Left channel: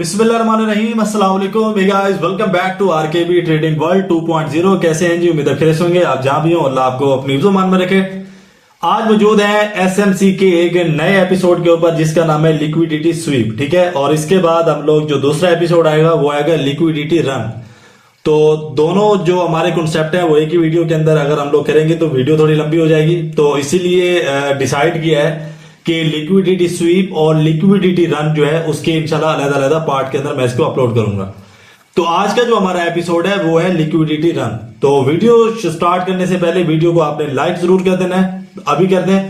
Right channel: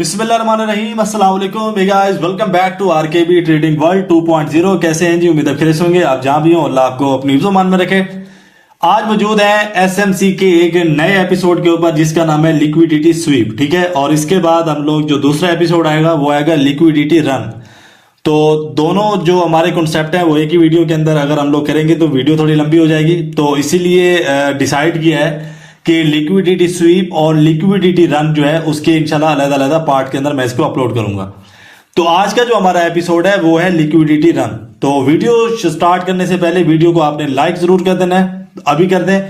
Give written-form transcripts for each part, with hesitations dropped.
बिस्मिल्लाहिर्रहमानिर्रहीम अस्सलाम वालेकुम guys, welcome back to RKB trading world 2.0। कैसे हैं जी? उम्मीद है खैरियत से होंगे। आप जहां भी हो अल्लाह आपको अपनी हिफ्ज़-ओ-मान में रखे। आज मौजूद है एसएमसी के एक नए एपिसोड के ऊपर जिसका नाम है लिक्विडिटी स्वीप। ठीक है, और इसके बाद हम लोग जो दूसरा एपिसोड आएगा वो आएगा लिक्विडिटी रन। तो दोनों जो हमारे कॉन्सेप्ट हैं वो एक ही वीडियो के अंदर अगर हम लोग करेंगे तो वीडियो थोड़ी लंबी हो जाएगी। तो इसीलिए डिसाइड किया है कि लिक्विडिटी स्वीप और लिक्विडिटी रन जो है उसके इंशाल्लाह अलग-अलग पार्ट के अंदर मैं इसको अपलोड करूंगा। तो आज का जो हमारा एपिसोड है वो है लिक्विडिटी रन। तो वीडियो स्टार्ट करने से पहले वीडियो को आपने लाइक जरूर कर देना है, अभी कर दें,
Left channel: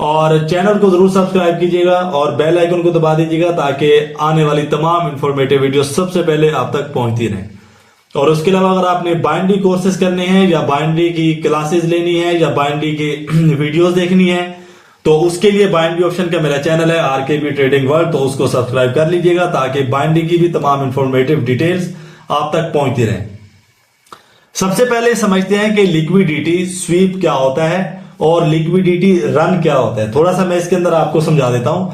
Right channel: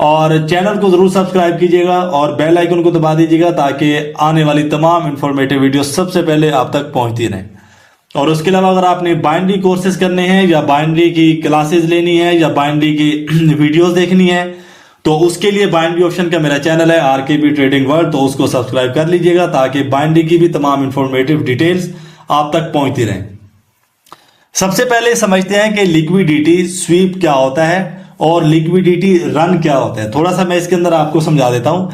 और चैनल को जरूर सब्सक्राइब कीजिएगा और बेल आइकन को दबा दीजिएगा ताकि आने वाली तमाम इंफॉर्मेटिव वीडियो सबसे पहले आप तक पहुंचती रहे। और उसके अलावा अगर आपने बाइनरी कोर्सेज करने हैं या बाइनरी की क्लासेस लेनी है या बाइनरी की वीडियोस देखनी है तो उसके लिए बाइनरी ऑप्शन का मेरा चैनल है आरकेबी ट्रेडिंग वर्ल्ड, तो उसको सब्सक्राइब कर लीजिएगा ताकि बाइनरी की भी तमाम इंफॉर्मेटिव डिटेल्स आप तक पहुंचती रहे। सबसे पहले समझते हैं कि लिक्विडिटी स्वीप क्या होता है और लिक्विडिटी रन क्या होता है। थोड़ा सा मैं इसके अंदर आपको समझा देता हूं।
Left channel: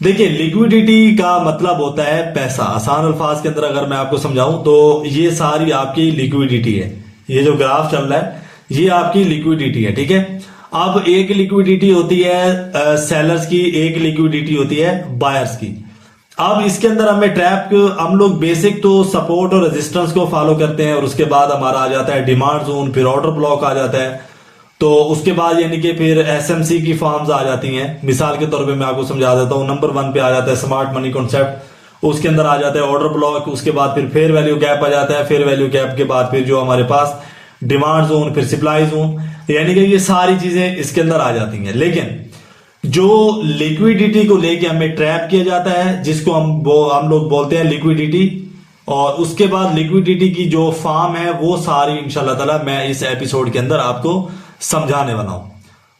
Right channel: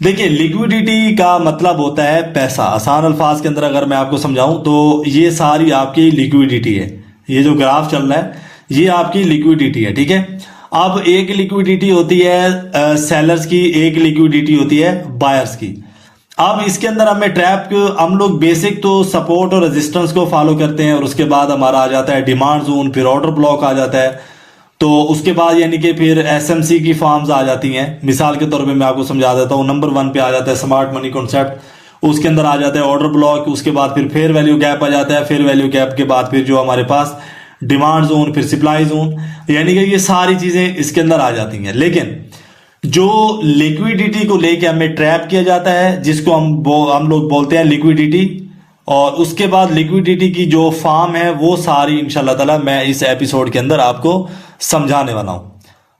देखिए, लिक्विडिटी का मतलब होता है पैसा। आसान अल्फाज के अंदर अगर मैं आपको समझाऊं तो ये सारी आपकी लिक्विडिटी है। ये जो ग्राफ चल रहा है ये आपकी लिक्विडिटी है। ठीक है, अब एक लिक्विडिटी होती है सेलर्स की, एक लिक्विडिटी होती है बायर्स की। अब इसके अंदर हमें ट्रैप हम लोग बेसिक तो सपोर्ट और रेजिस्टेंस को फॉलो करते हैं और उसके बाद हमारा आ जाता है डिमांड जोन, फिर ऑर्डर ब्लॉक आ जाता है। तो उसके बाद यानी कि फिर एसएमसी की फॉर्म्स आ जाती हैं। मिसाल के तौर पे मैं आपको समझा देता हूं। नंबर 1 पे आ जाता है स्मार्ट मनी कॉन्सेप्ट, उसके अंदर आ जाता है ऑर्डर ब्लॉक, उसके बाद फिर फेयर वैल्यू गैप आ जाता है, फेयर वैल्यू गैप के बाद फिर जो हमारे पास डिमांड जोन, फिर सप्लाई जोन, यानी कि ये सारी चीजें इसके अंदर आ जाती हैं। लेकिन जो लिक्विडिटी को लेके हमें ट्रैप किया जाता है जिसको हम लोग बोलते हैं लिक्विडिटी, और उसके बाद लिक्विडिटी की जो फॉर्म है वो सारी इंशाल्लाह ताला मैं इस एपिसोड के अंदर आपको समझाने वाला हूं।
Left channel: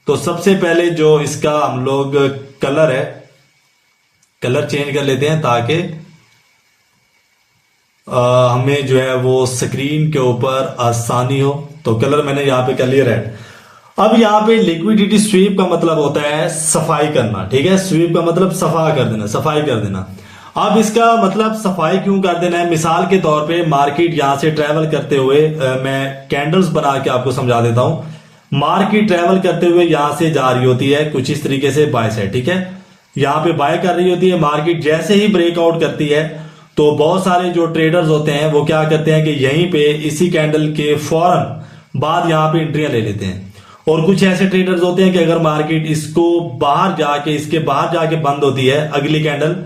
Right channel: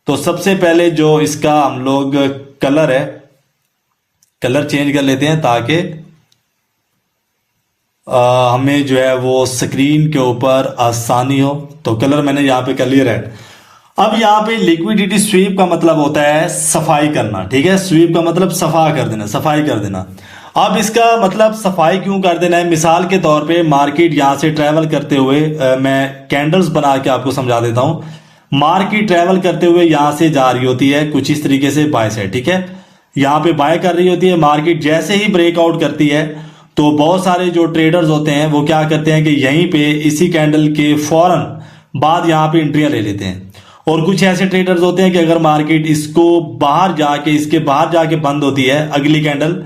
तो सबसे पहले जो इसका हम लोग कलर है, कलर चेंज कर लेते हैं ताकि हमें जो है वो स्क्रीन के ऊपर आसानी हो। तो कलर मैंने यहां पे कर लिया रेड। अब यहां पे लिक्विडिटी स्वीप का मतलब होता है सफाई करना। ठीक है, स्वीप का मतलब सफा कर देना, सफाई कर देना। अब इसका मतलब सफाई क्यों कर देना है? मिसाल के तौर पे मार्केट यहां से ट्रेवल करते हुए मैं कैंडल्स बना के आपको समझा देता हूं। मार्केट ट्रेवल करते हुए यहां से जा रही होती है कुछ इस तरीके से बाय साइड। ठीक है, यहां पे बाय कर रही होती है मार्केट। जैसे ही ब्रेकआउट करती है तो बहुत सारे जो ट्रेडर्स होते हैं वो क्या करते हैं कि यहीं पे इसी कैंडल के फौरन बाद यहां पे एंट्रियां ले लेते हैं। और कुछ ऐसे ट्रेडर्स होते हैं कि अगर मार्केट इसके बाहर जाके बंद होती है, अगली कैंडल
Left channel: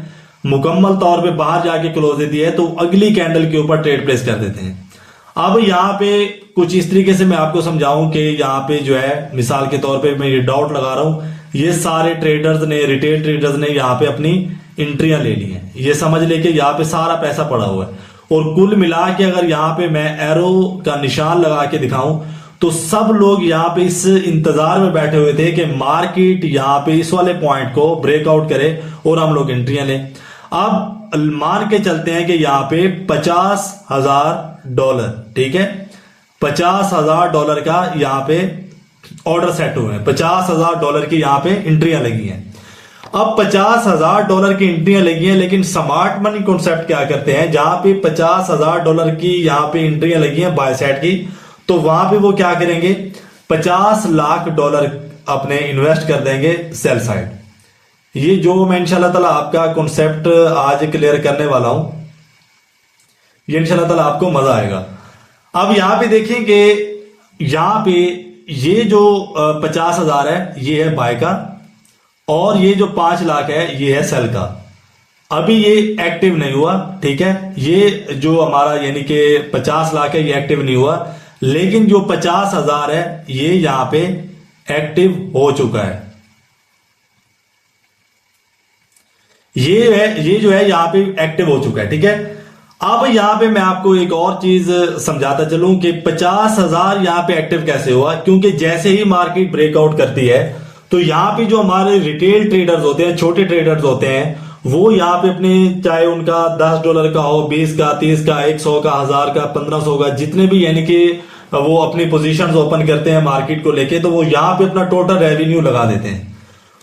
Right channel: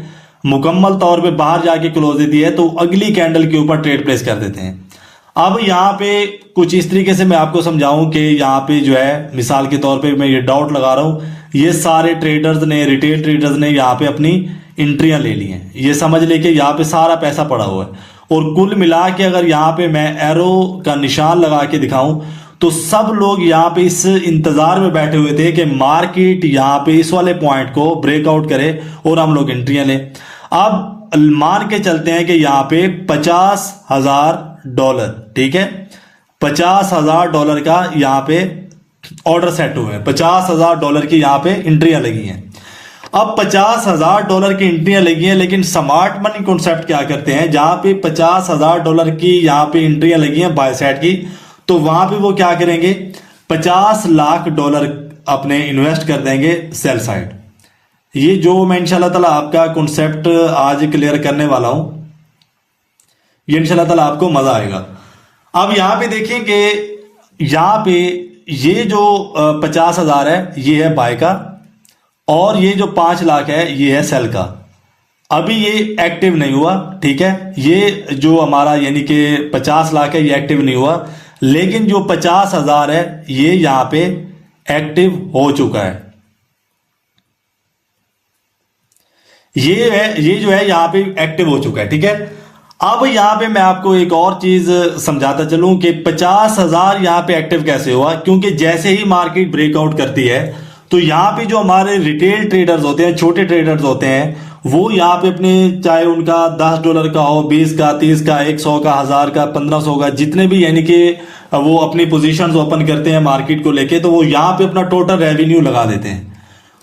मुकम्मल तौर पे बाहर जाके क्लोज देती है, तो अगली कैंडल के ऊपर ट्रेड प्लेस कर देते हैं। अब यहाँ पे कुछ इस तरीके से मैं आपको समझाऊं कि यहाँ पे जो है मिसाल के तौर पे मैं ये डाउट लगा रहा हूं, ये सारे ट्रेडर्स ने, रिटेल ट्रेडर्स ने यहाँ पे अपनी एंट्रियां ले ली हैं। ये समझ लेके यहाँ पे सारा पैसा पड़ा हुआ है और कुल मिला के अगर यहाँ पे मैं एरो का निशान लगा के दिखाऊं तो सब लोग यहाँ पे इस इंतजार में बैठे हुए थे कि मार्केट यहाँ पे इस वाले पॉइंट को ब्रेकआउट करे और हम लोग एंट्रियां लें। अब मान के चलते हैं कि यहाँ पे $50,000, ठीक है, $50,000 का यहाँ पे ऑर्डर सेट हुए हैं, $50,000 की यहाँ पे एंट्रियां लगी हैं। अब $50,000 की एंट्रियां लगी हैं, लेकिन स्मार्ट मनी कॉन्सेप्ट क्या करते हैं, जहां पे $50,000 की यहाँ पे एंट्रियां लगी हैं बाय साइड की, तो वहां पे वो क्या करेंगे, $50 लाख अपने इन्वेस्ट कर देंगे सेल साइड। ये जो मैं इंशाल्लाह ताला आपका कॉन्सेप्ट आज क्लियर करने वाला हूं, ये इंशाल्लाह ताला आपको मजा आएगा। अब यहां पे देखिए कि यहां पे ये जो 50,000 है ये है बाय का, और ये जो 5 लाख है ये है सेल का। अभी ये एक्टिव नहीं हुआ। ठीक है, ये जो हमारा यानी कि 50 लाख है ये एक्टिव नहीं हुआ, लेकिन जो 50,000 है ये यहां पे एक्टिव हो चुका है। ये जो है यहां पे एक्टिव हो चुका है। ठीक है, अब यहां पे मैं आपको एक और चीज समझाता चलूं कि 50,000 यहां पे एक्टिव कैसे हुआ, क्योंकि जैसे ही मार्केट ब्रेकआउट करती है तो यहां पे जो हमारे रिटेल ट्रेडर्स होते हैं, छोटे ट्रेडर्स होते हैं, वो यहाँ पे अपने चाहे उनका $10 का हो, 20 का, 30 का, 100 का, 1000 का, 1500 का, जितने भी यानी कि वो अपनी पोजीशंस ओपन करते हैं मार्केट को लेके, तो वो यहाँ पे अपना टोटल रेवेन्यू लगा देते हैं।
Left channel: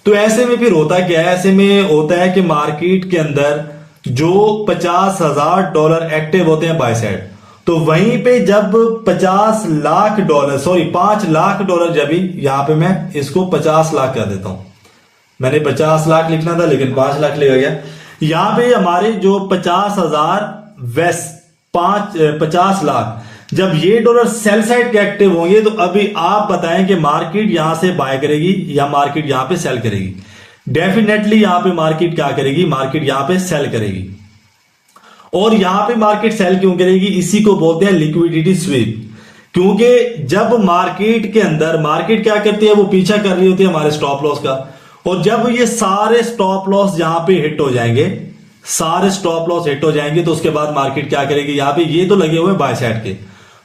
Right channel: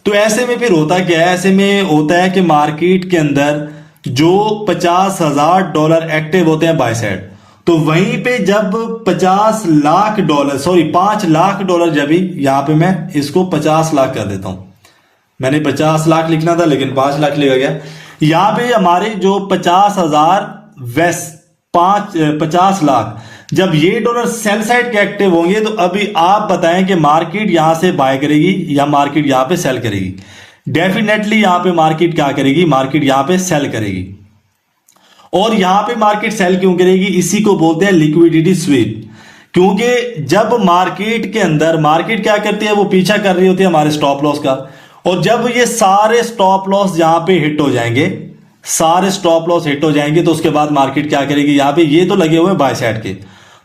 तो ऐसे में फिर होता क्या है, ऐसे में होता है कि मार्केट के अंदर जो $50,000 एक्टिव होते हैं बाय साइड, तो वहीं पे जब $5 लाख जब यहां पे मैं इसको 50 लाख कर देता हूं, मैंने 50 लाख लिखना था लेकिन 5 लाख लिखा गया। यहां पे हमारे जो 50,000 वेस्ट 50 लाख, जब ये डॉलर सेल साइड के एक्टिव होंगे तो अभी आप बताएं कि मार्केट यहां से बाय करेगी या मार्केट यहां पे सेल करेगी? डेफिनेटली यहां पे मार्केट क्या करेगी? मार्केट यहां पे सेल करेगी। और यहां पे मार्केट सेल क्यों करेगी? इसी को बोलते हैं लिक्विडिटी स्वीप। क्योंकि जब मार्केट के अंदर मार्केट क्या करती है, वो पीछा कर रही होती है हमारे स्टॉप लॉस का, और जब ये सारे स्टॉप लॉस यहां पे हिट हो जाएंगे, सारे स्टॉप लॉस हिट हो जाएंगे, तो उसके बाद मार्केट क्या करेगी? यहां पे ये तो लगे हुए बाय साइड के,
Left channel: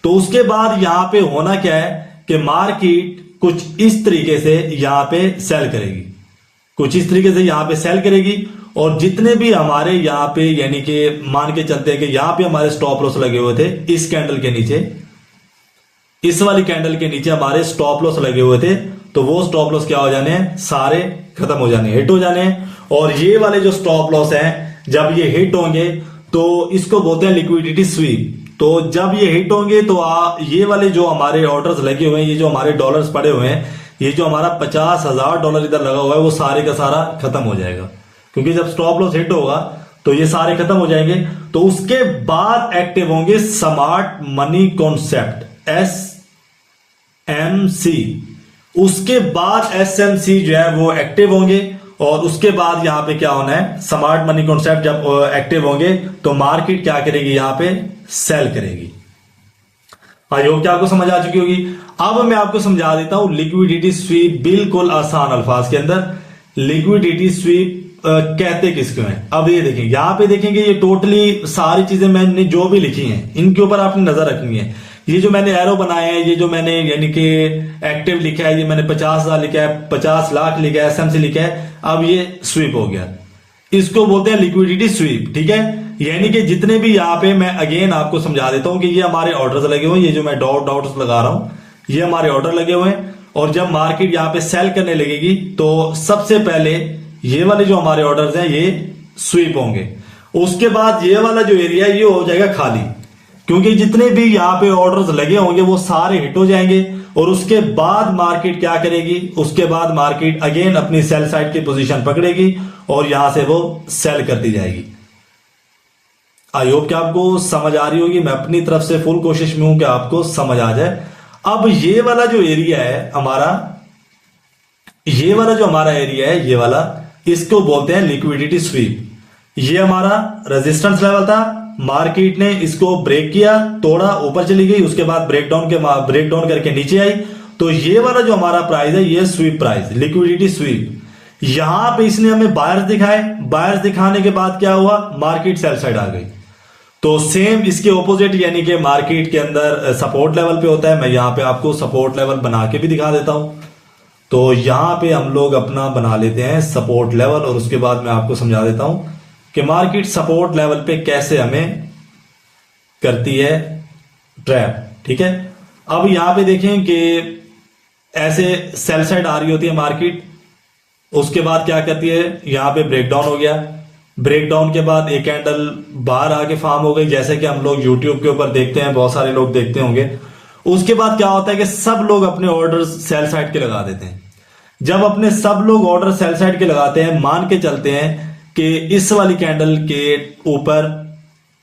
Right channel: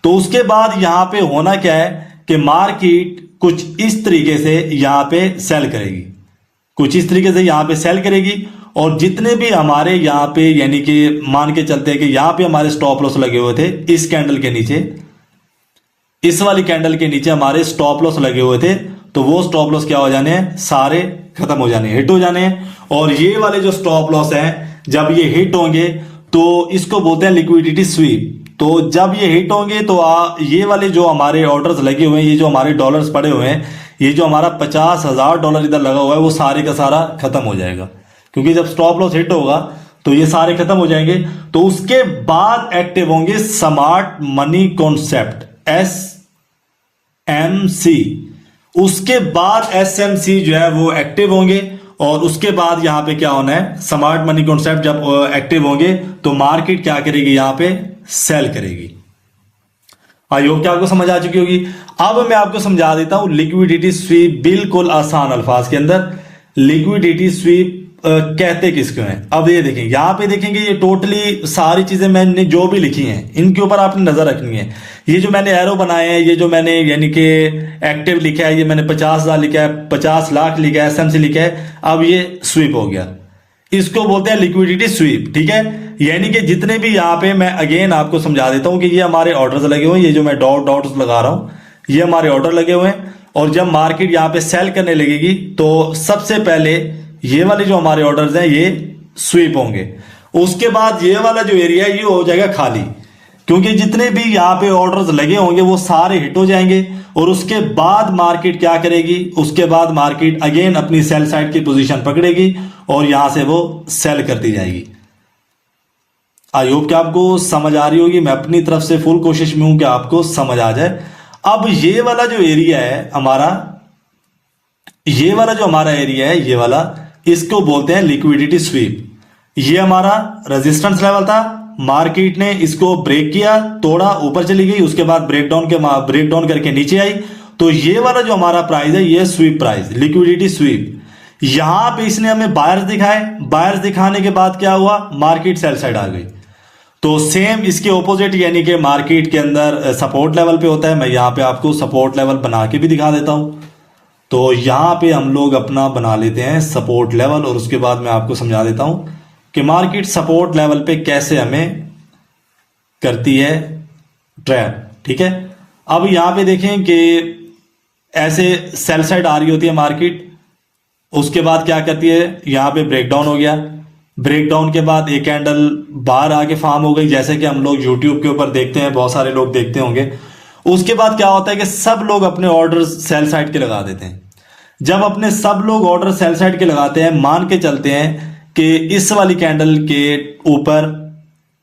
तो उसके बाद यहां पे होना क्या है कि मार्केट कुछ इस तरीके से यहां पे सेल करेगी, कुछ इस तरीके से यहां पे सेल करेगी। और जितने भी हमारे यहां पे, यानी कि मान के चलते हैं कि यहां पे हमारे स्टॉप लॉस लगे हुए थे, इस कैंडल के नीचे, इस वाली कैंडल के नीचे हमारे स्टॉप लॉस लगे हुए थे, तो वो स्टॉप लॉस क्या हो जाने हैं? सारे खत्म हो जाने, हिट हो जाने हैं। और ये वाले जो स्टॉप लॉस हैं, जब ये हिट होंगे तो इसको बोलते हैं लिक्विडिटी स्वीप। तो जब ये हिट होंगे तो ये वाले जो हमारे ऑर्डर्स लगे हुए हैं, ये जो हमारे डॉलर्स पड़े हुए हैं, ये जो हमारा $50,000 इधर लगा हुआ है, वो सारे का सारा खत्म हो जाएगा। क्योंकि जब स्टॉप लॉस हिट होगा तो ये सारे खत्म हो जाएंगे। तो उसके बाद एक्टिव होंगे स्मार्ट मनी कॉन्सेप्ट, SMC। उसके बाद SMC जो है वो एक्टिव होंगे, और उसके बाद यहां पे क्या होना है? स्मार्ट मनी कॉन्सेप्ट जब एक्टिव होंगे तो मार्केट क्या करेगी? यहां पे सेल करेगी। आई होप कि आपको समझ आ चुकी होगी। अब मैं आपको समझा देता हूं लिक्विडिटी स्वीप, बिल्कुल आसान अल्फाज के अंदर। लिक्विडिटी स्वीप कहते किसको हैं? अब ये देखेंगे, यहां पे देखेंगे, ये टोटली सारी चीजें मैंने जो भी लिखी हैं इनके ऊपर आपने नजर रखनी है। ये जो मैंने एरो बनाए हैं, ये जो मैंने यानी कि एक्टिव लिखा है, ये मैंने 50,000 लिखा है, 50 लाख लिखा है, SMC लिखा है। अब ये स्वीप हो गया, इसको बोलते हैं लिक्विडिटी स्वीप, ठीक है। यानी कि जितने भी यहां पे, मैं अगेन आपको समझा देता हूं कि ये हमारे ऑर्डर्स लगे हुए हैं, ये जो मैं डॉट डॉट्स लगा रहा हूं, ये हमारे ऑर्डर लगे हुए हैं। और जब मार्केट यहां पे सेल करने लगेगी तो सबसे पहले ये वाले जो हमारे ऑर्डर्स हैं ये स्वीप होंगे। उसके बाद ये वाला जो एरिया है ये हो जाएगा खाली, क्योंकि जितने भी यहां पे ऑर्डर्स लगे होंगे वो सारे हिट हो जाएंगे। और उसके बाद मार्केट क्या करेगी? उसके बाद मार्केट अगेन अपनी सेल साइड की पोजीशन पकड़ेगी और यहां से वो सेल करती जाएगी। आई होप कि आपको समझ आ रही होगी। मैं अपनी तरफ से फुल कोशिश में हूं कि आपको समझ आ जाए। अब ये वाला जो एरिया है हमारा, ये वाला जो हमारा एरिया है, ये वाला, इसको बोलते हैं लिक्विडिटी स्वीप। ये हमारा रेजिस्टेंस लेवल था, मार्केट ने इसको ब्रेक किया, तोड़ा, ऊपर चली गई, उसके बाद ब्रेकडाउन करके नीचे आई। तो ये वाला जो हमारा प्राइस है ये स्वीप प्राइस, लिक्विडिटी स्वीप। यहां पे इसने हमें बायर्स दिखाए, बायर्स दिखाने के बाद क्या हुआ? मार्केट सेल साइड आ गई। तो सेम इसके ऑपोजिट, यानी कि मार्केट के अंदर सपोर्ट लेवल पे होता है। मैं यहां पे आपको सपोर्ट लेवल बना के भी दिखा देता हूं। तो यहां पे हम लोग अपना बना लेते हैं सपोर्ट लेवल, और उसके बाद मैं आपको समझा देता हूं कि मार्केट सपोर्ट लेवल पे कैसे हमें करती है ट्रैप, ठीक है। अब यहां पे देखें कि ऐसे सेल साइड आ रही होती है मार्केट, उसके बाद क्या करती है? यहां पे ब्रेकडाउन हो गया, ब्रेकडाउन के बाद एक कैंडल बाहर आके फॉर्म हो गई, जैसे कि हम लोग यूट्यूब के ऊपर देखते हैं, बहुत सारे लोग देखते होंगे। उसके बाद क्या होता है कि सब लोग अपने ऑर्डर सेल साइड के लगा देते हैं। जब अपने सब लोग ऑर्डर सेल साइड के लगाते हैं, मान के चलते हैं कि इस वाली कैंडल के ऊपर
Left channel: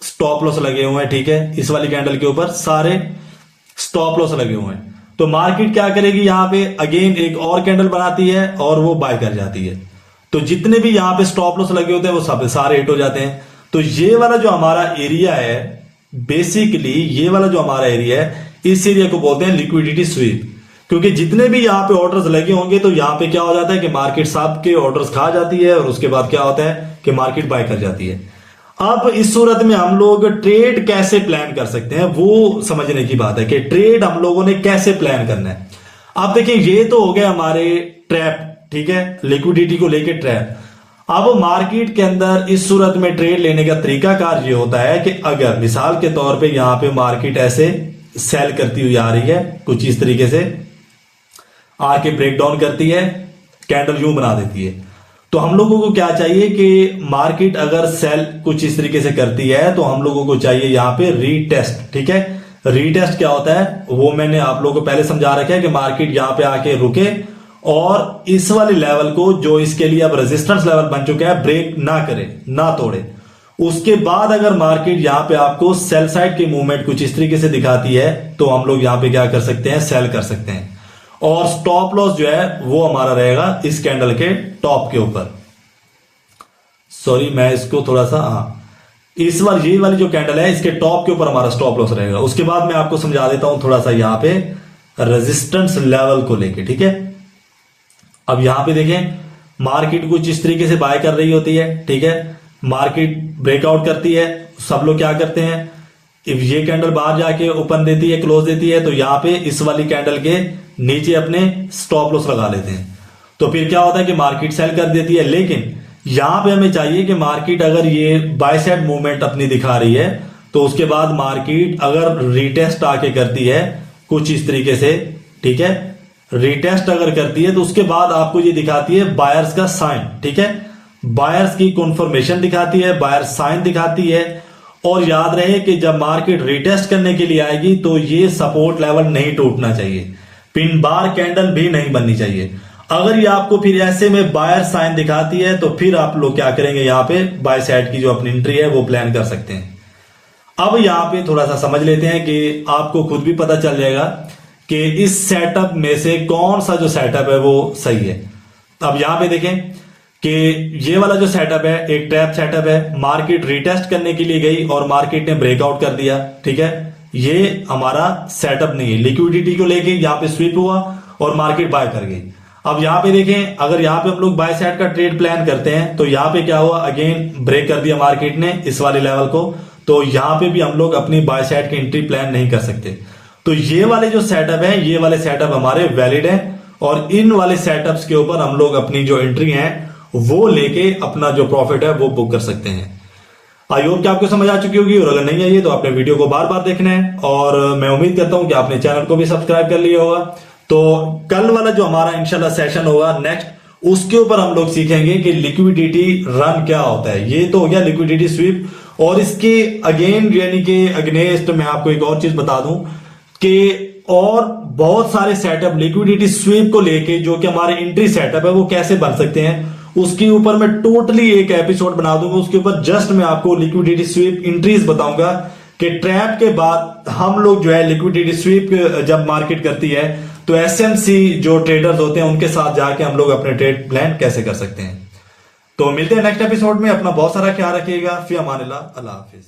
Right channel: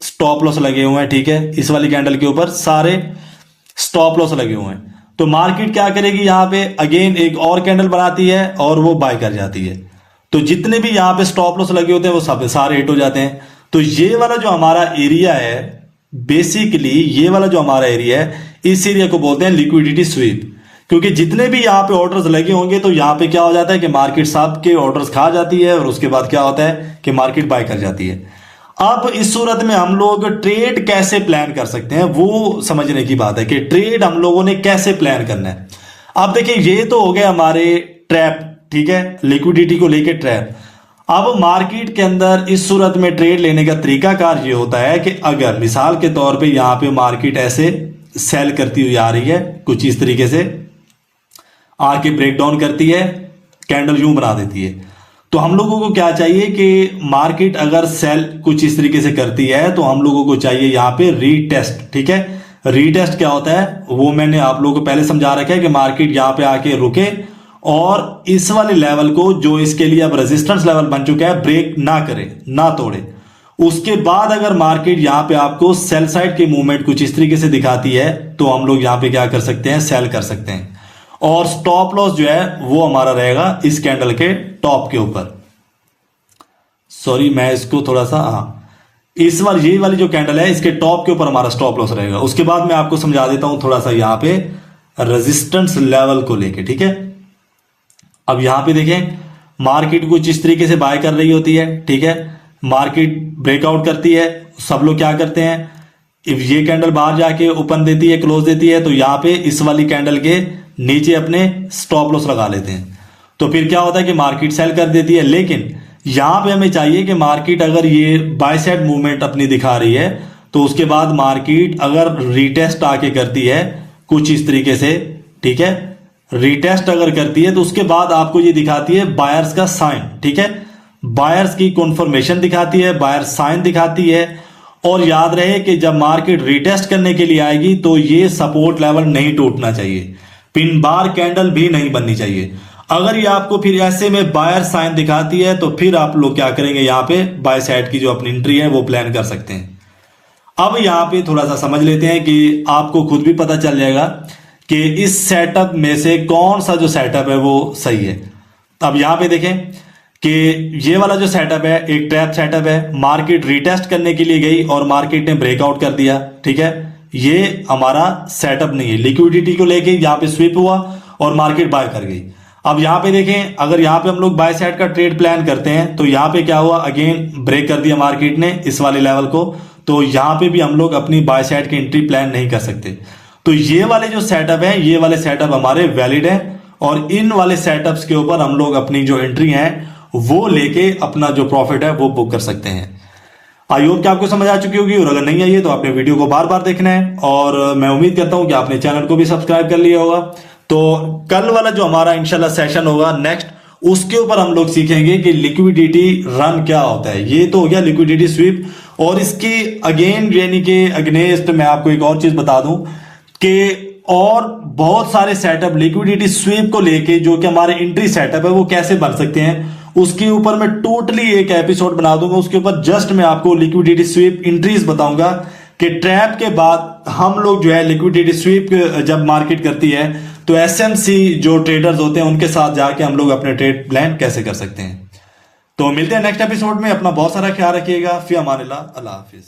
स्टॉप लॉस लगे हुए हैं, ठीक है, इस वाली कैंडल के ऊपर सारे स्टॉप लॉस लगे हुए हैं, तो मार्केट क्या करेगी? यहां पे अगेन एक और कैंडल बनाती है और वो बाय कर जाती है। तो जितने भी यहां पे स्टॉप लॉस लगे होते हैं वो सब सारे हिट हो जाते हैं। तो ये वाला जो हमारा एरिया है, बेसिकली ये वाला जो हमारा एरिया है, इस एरिया को बोलते हैं लिक्विडिटी स्वीप। क्योंकि जितने भी यहां पे ऑर्डर्स लगे होंगे तो यहां पे क्या हो जाता है कि मार्केट सब के ऑर्डर्स खा जाती है, और उसके बाद क्या होता है कि मार्केट बाय कर जाती है। अब इस सूरत में हम लोग ट्रेड कैसे प्लान कर सकते हैं, वो समझने की बात है कि ट्रेड हम लोगों ने कैसे प्लान करना है। अब देखिए, ये तो हो गए हमारे ट्रैप, ठीक है, लिक्विडिटी को लेके ट्रैप। अब मार्केट के अंदर इस सूरत में ट्रेड लेने का तरीकाकार ये होता है कि अगर मिसाल के तौर पे यहां पे मार्केट ऐसे सेल करती हुई आ रही है, कुछ इस तरीके से आके ब्रेकडाउन करती है, कैंडल यूं बना देती है, तो हम लोगों को क्या चाहिए कि मार्केट अगर सेल कुछ इस तरीके से करती है तो हम लोगों को चाहिए यहां पे रीटेस्ट। ठीक है, रीटेस्ट क्या होता है वो मैंने आप लोगों को पहले समझा रखा है कि मार्केट यहां पे आके रुके और इस वाले लेवल को, जो इसके लिए अब रेजिस्टेंस लेवल बन चुका है, ब्रेक ना करे, ना तोड़े। उसके बाद अगर मार्केट यहां पे आपको सेल साइड की मूवमेंट कुछ इस तरीके से दिखाती है तो हम लोग यहां पे क्या कर सकते हैं, सेल कर सकते हैं। और स्टॉप लॉस जो है वो हमारा रहेगा इस कैंडल के टॉप के ऊपर। सॉरी, मैं इसको थोड़ा सा, इस बार ये वाली जो कैंडल है इसके टॉप के ऊपर हमारा स्टॉप लॉस रहेगा। उसके बाद मैं आपको समझा देता हूं थोड़ा सा यहां पे रेजिस्टेंस लेवल को लेके। ठीक है, अब यहां पे देखें मार्केट कुछ इस तरीके से बाय कर रही होती है। ठीक है, मार्केट ब्रेकआउट करती है, सब लोग क्या करते हैं, इफ ये कैंडल बाहर जाके ओपन देती है, क्लोज देती है, तो यहां पे इस वाली कैंडल के नीचे अपने स्टॉप लॉस लगा लेते हैं। तो फिर क्या होता है कि मार्केट सेल कर देती है। लेकिन यहां पे हमें चाहिए कि मार्केट अगर ये बाय साइड मूवमेंट अपनी दिखा रही है तो उसके बाद मार्केट अगर रीटेस्ट आके करती है कुछ इस तरीके से, ठीक है, रीटेस्ट अगर करती है तो उसके बाद आपको ये दिखाती है बायर्स का साइन। ठीक है, बायर्स की कंफर्मेशन दिखाती है, बायर साइन दिखाती है। और याद रहे कि जब मार्केट रिटेस्ट करने के लिए आएगी तो ये सपोर्ट लेवल नहीं टूटना चाहिए, पिन बार कैंडल भी नहीं बननी चाहिए। अगर ये आपको फिर ऐसे में बायर साइन दिखाती है तो फिर आप लोग क्या करेंगे, यहां पे बाय साइड की जो अपनी एंट्री है वो प्लान कर सकते हैं। अब यहां पे थोड़ा सा समझ लेते हैं कि आपको खुद भी पता चल जाएगा कि इस सेटअप में से कौन सा जो सेटअप है वो सही है। अब यहां पे देखें कि ये वाला जो सेटअप है एक ट्रैप सेटअप है। मार्केट रिटेस्ट करने के लिए गई और मार्केट ने ब्रेकआउट कर दिया। ठीक है, ये हमारा सेटअप नहीं है। लिक्विडिटी को लेके यहां पे स्विप हुआ और मार्केट बाय कर गई। अब यहां पे देखें, अगर यहां पे हम लोग बाय साइड का ट्रेड प्लान करते हैं तो यहां पे क्या हुआ, अगेन ब्रेक कर दिया मार्केट ने इस वाले लेवल को, तो यहां पे भी हम लोग अपनी बाय साइड की एंट्री प्लान नहीं कर सकते। तो ये वाले जो सेटअप है, ये वाले सेटअप हमारे वैलिड है और इन वाले सेटअप्स के ऊपर हम लोग अपनी जो एंट्री है वो लेके अपना जो प्रॉफिट है वो बुक कर सकते हैं। आई होप कि आपको समझ आ चुकी होगी, और अगर नहीं आई है तो आपने वीडियो को बार बार देखना है। और मैं उम्मीद करता हूं कि आपने चैनल को भी सब्सक्राइब कर लिया होगा। तो कल वाला जो हमारा इंशाल्लाह सेशन होगा नेक्स्ट, उसके ऊपर हम लोग सीखेंगे कि लिक्विडिटी रन क्या होता है। ये तो हो गया लिक्विडिटी स्वीप, और इसके अगेन यानी कि अगेंस्ट मैं आपको एक और चीज बता दूं कि और बहुत सारे सेटअप लिक्विडिटी स्वीप को लेके जो कि हमारे एंट्री सेटअप है वो कैसे बन सकते हैं, उसके ऊपर मैं टोटली एक एपिसोड बना दूंगा। उसके ऊपर जस्ट मैं आपको लिक्विडिटी स्वीप एंट्रीज बताऊंगा कि ट्रैप के बाद हम लोग जो है लिक्विडिटी स्वीप जब मार्केट करती है तो एसएमसी जो ट्रेडर्स होते हैं उनके साथ जाके हम लोग अपने ट्रेड प्लान कैसे कर सकते हैं। तो मिलते हैं नेक्स्ट एपिसोड में। अपना बहुत सारा ख्याल रखिएगा। फिर अमानिल्लाह, अल्लाह हाफिज।